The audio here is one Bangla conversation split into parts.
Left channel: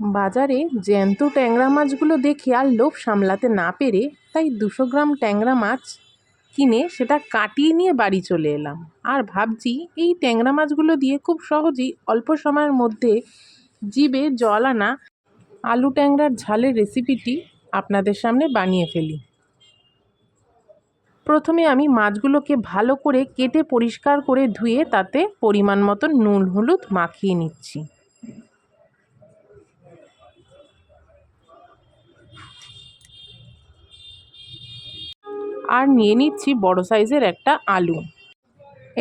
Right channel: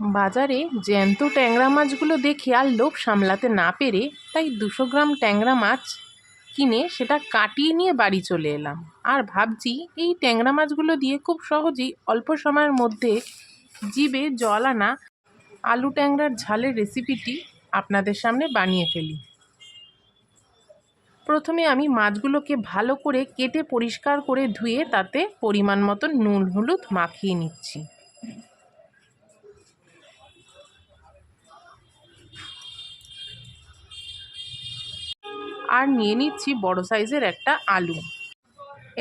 বাজারে জ্যান্ত ট্যাংরা মাছগুলো দেখে আর লোভ সামলাতে না পেরে তাই 200 গ্রাম ট্যাংরা মাছ কিনে সেটা কাটিয়ে নিয়ে বাড়ি চলে এলাম। আর ভাবছি এই ট্যাংরা মাছগুলো দিয়ে খুব সহজেই অল্প সময়ের মধ্যে জিভে জল আনা আলু ট্যাংরার ঝালের রেসিপিটি আপনাদের সামনে বানিয়ে ফেলি। প্রথমে আমি মাছগুলোকে ভালো করে কেটে পরিষ্কার করে ধুয়ে তাতে পরিমাণ মতো নুন হলুদ মাখিয়ে নিচ্ছি। আর নিয়ে নিচ্ছি বড় সাইজের একটা আলু।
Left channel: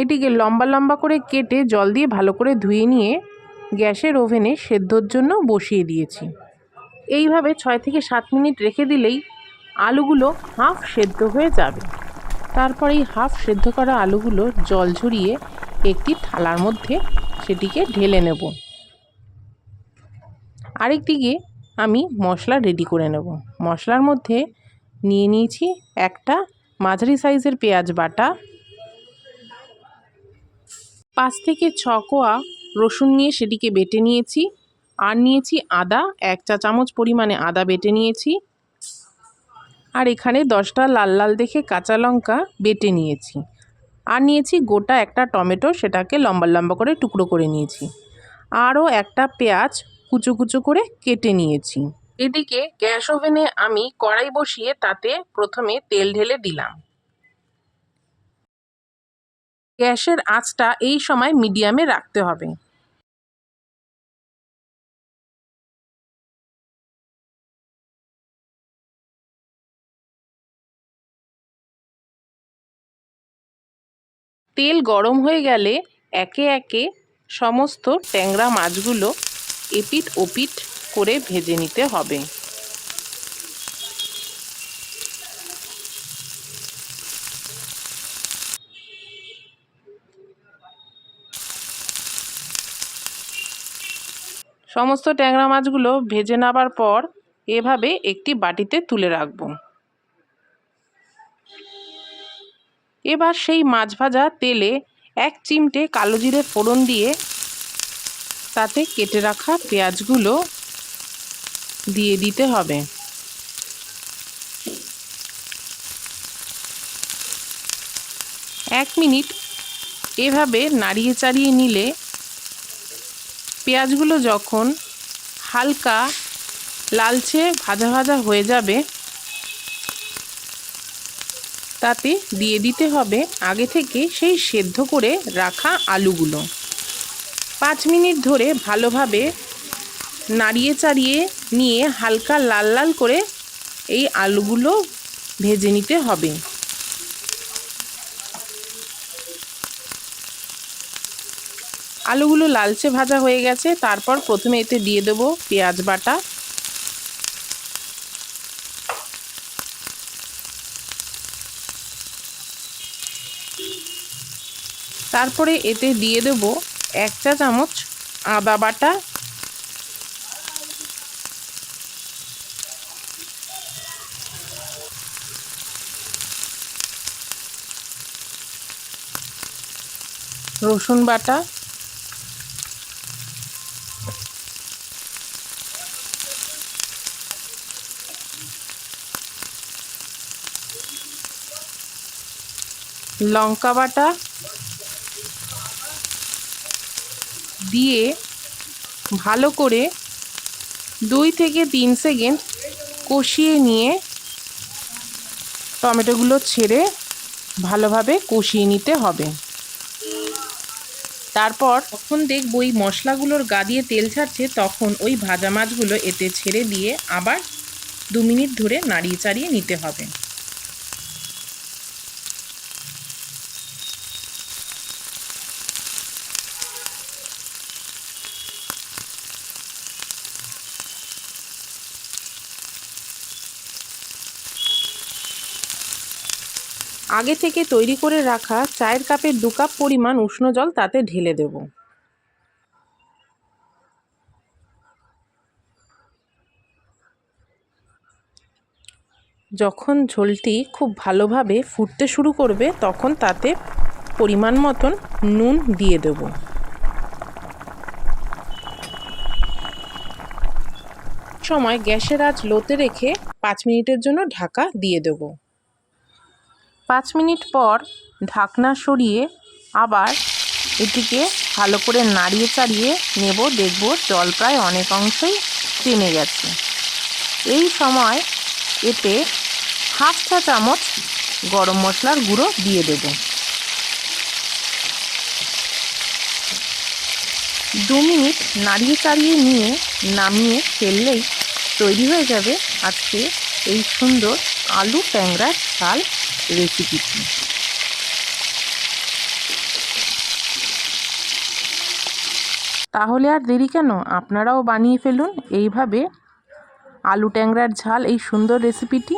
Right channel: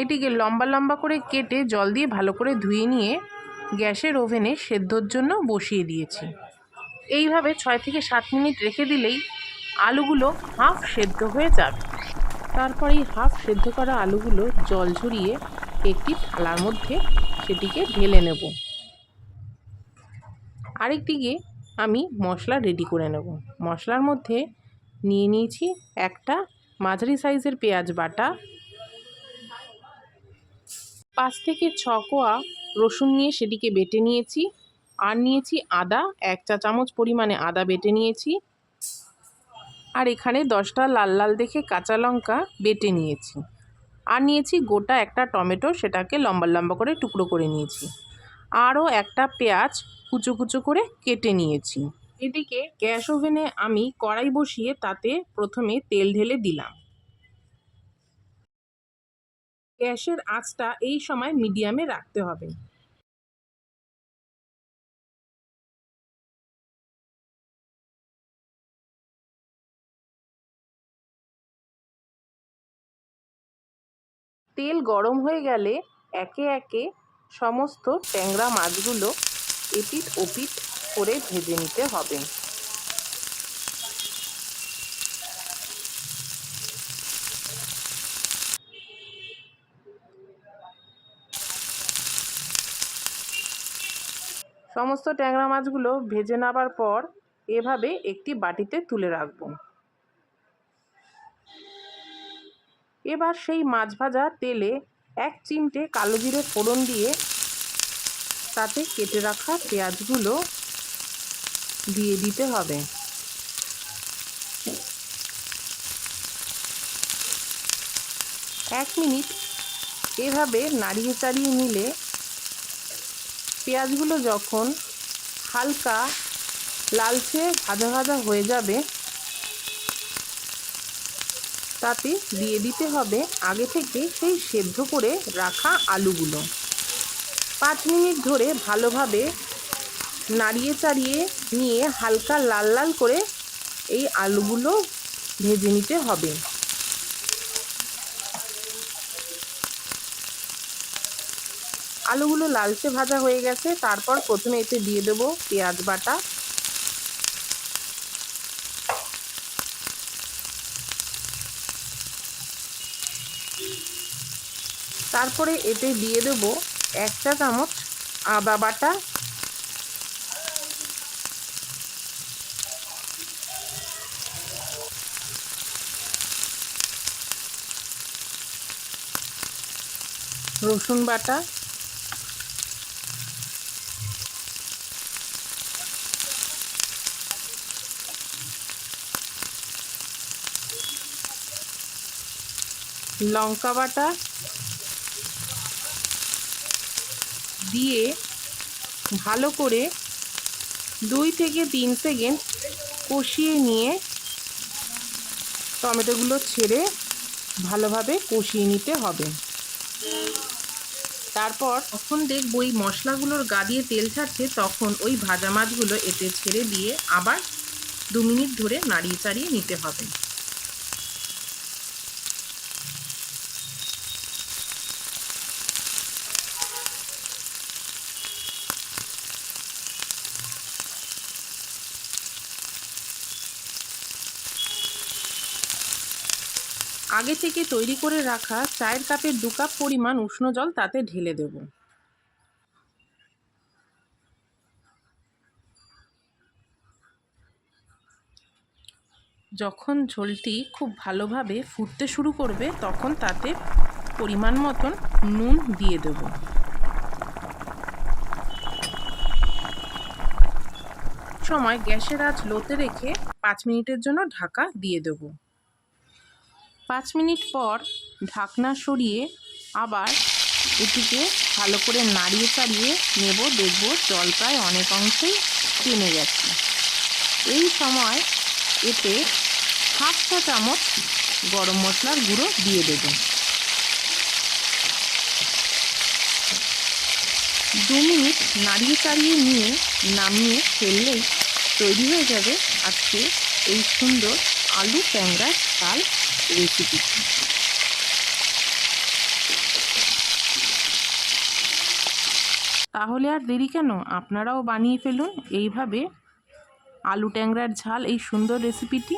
এটিকে লম্বা লম্বা করে কেটে জল দিয়ে ভালো করে ধুয়ে নিয়ে গ্যাসের ওভেনে সেদ্ধর জন্য বসিয়ে দিয়েছি। এইভাবে 6 থেকে 7 মিনিট রেখে দিলেই আলুগুলো হাফ সেদ্ধ হয়ে যাবে। তারপর এই হাফ সেদ্ধ করা আলুগুলো জল ঝরিয়ে একটি থালার মধ্যে সেটিকে ঢেলে নেব। আরেকদিকে আমি মশলা রেডি করে নেব। মশলার মধ্যে নিয়ে নিয়েছি একটা মাঝারি সাইজের পেঁয়াজ বাটা, 5 থেকে 6 কোয়া রসুন নিয়ে সেটিকে বেটে নিয়েছি। আর নিয়েছি আদা, 1 চা চামচ পরিমাণে আদা বেটে নিয়েছি। আর এখানে 10টা লাল লাল দেখে কাঁচা লঙ্কা বেটে নিয়েছি। আর নিয়েছি গোটা একটা টমেটো, সেটাকে লম্বা লম্বা করে টুকরো করে নিয়েছি। আরও একটা পেঁয়াজ কুচো কুচো করে কেটে নিয়েছি। এদিকে গ্যাস ওভেনে আমি কড়াই বসিয়ে তাতে প্রথমে তেল ঢেলে দিলাম। গ্যাসের আঁচটা এই সময় মিডিয়ামে রাখতে হবে। তেল গরম হয়ে গেলে একে একে সমস্ত ট্যাংরা মাছগুলো এপিঠ ওপিঠ করে ভেজে নিতে হবে। সমস্ত ট্যাংরা মাছগুলো ভেজে নেবার পর এভাবে একটি বাটিতে তুলে রাখব। এবার সেই মাছ ভাজা তেলে 1 চিমটে কালো জিরে ফোড়ন দিয়ে তাতে কেটে রাখা পেঁয়াজগুলো দিয়ে দিতে হবে। এক মিনিট এভাবে নাড়িয়ে চাড়িয়ে নিলে পেঁয়াজগুলো যখন হালকা লালচে ভাজা ভাজা হয়ে যাবে তাতে দিয়ে দিতে হবে আগে থেকে সেই সেদ্ধ করে রাখা আলুগুলো। 5 মিনিট ধরে ভালোভাবে নাড়িয়ে চাড়িয়ে নিয়ে হালকা লাল লাল করে এই আলুগুলো ভেজে নিতে হবে। আলুগুলো লালচে ভাজা হয়ে গেছে। তারপর প্রথমে এতে দিয়ে দেব পেঁয়াজ বাটা, তারপরে এতে দিয়ে দেব 1 চা চামচ আদা বাটা, রসুন বাটা, লঙ্কা বাটা দিয়ে ভালো করে 2 থেকে 3 সেকেন্ড কষিয়ে নিয়ে টমেটোগুলো ছেড়ে ভালোভাবে কষিয়ে নিতে হবে। তারপর যখন দেখব ওই মশলাগুলোর গা দিয়ে তেল ছাড়ছে তখন ওই ভাজা মাছগুলো এতে ছেড়ে দিয়ে আবার 2 মিনিট ধরে নাড়িয়ে চাড়িয়ে নিতে হবে। আগে থেকে তৈরি করে রাখা চায়ের কাপের 2 কাপ পরিমাণ উষ্ণ জল তাতে ঢেলে দেব। যখন ঝোলটি খুব ভালোভাবে ফুটতে শুরু করবে তখন তাতে পরিমাণ মতন নুন দিয়ে দেব। সময় গ্যাসের আঁচ লোতে রেখে 5 মিনিটের জন্য ঢাকা দিয়ে দেব। 5 মিনিট পর ঢাকনা সরিয়ে আবার এটিকে ভালো করে নাড়িয়ে চাড়িয়ে নেব। দেখব জল প্রায় অনেক অংশেই টেনে গেছে। এই সময় এতে 1/2 চা চামচ গরম মশলার গুঁড়ো দিয়ে দেব। 2 মিনিট নাড়িয়ে চাড়িয়ে নিয়ে নামিয়ে ফেললেই তৈরি হয়ে যাবে আজকে এই সুন্দর আলু ট্যাংরার ঝাল রেসিপিটি। তাহলে আর দেরি কেন, আপনারাও বানিয়ে ফেলুন এইভাবে আলু ট্যাংরার ঝাল এই সুন্দর রেসিপিটি।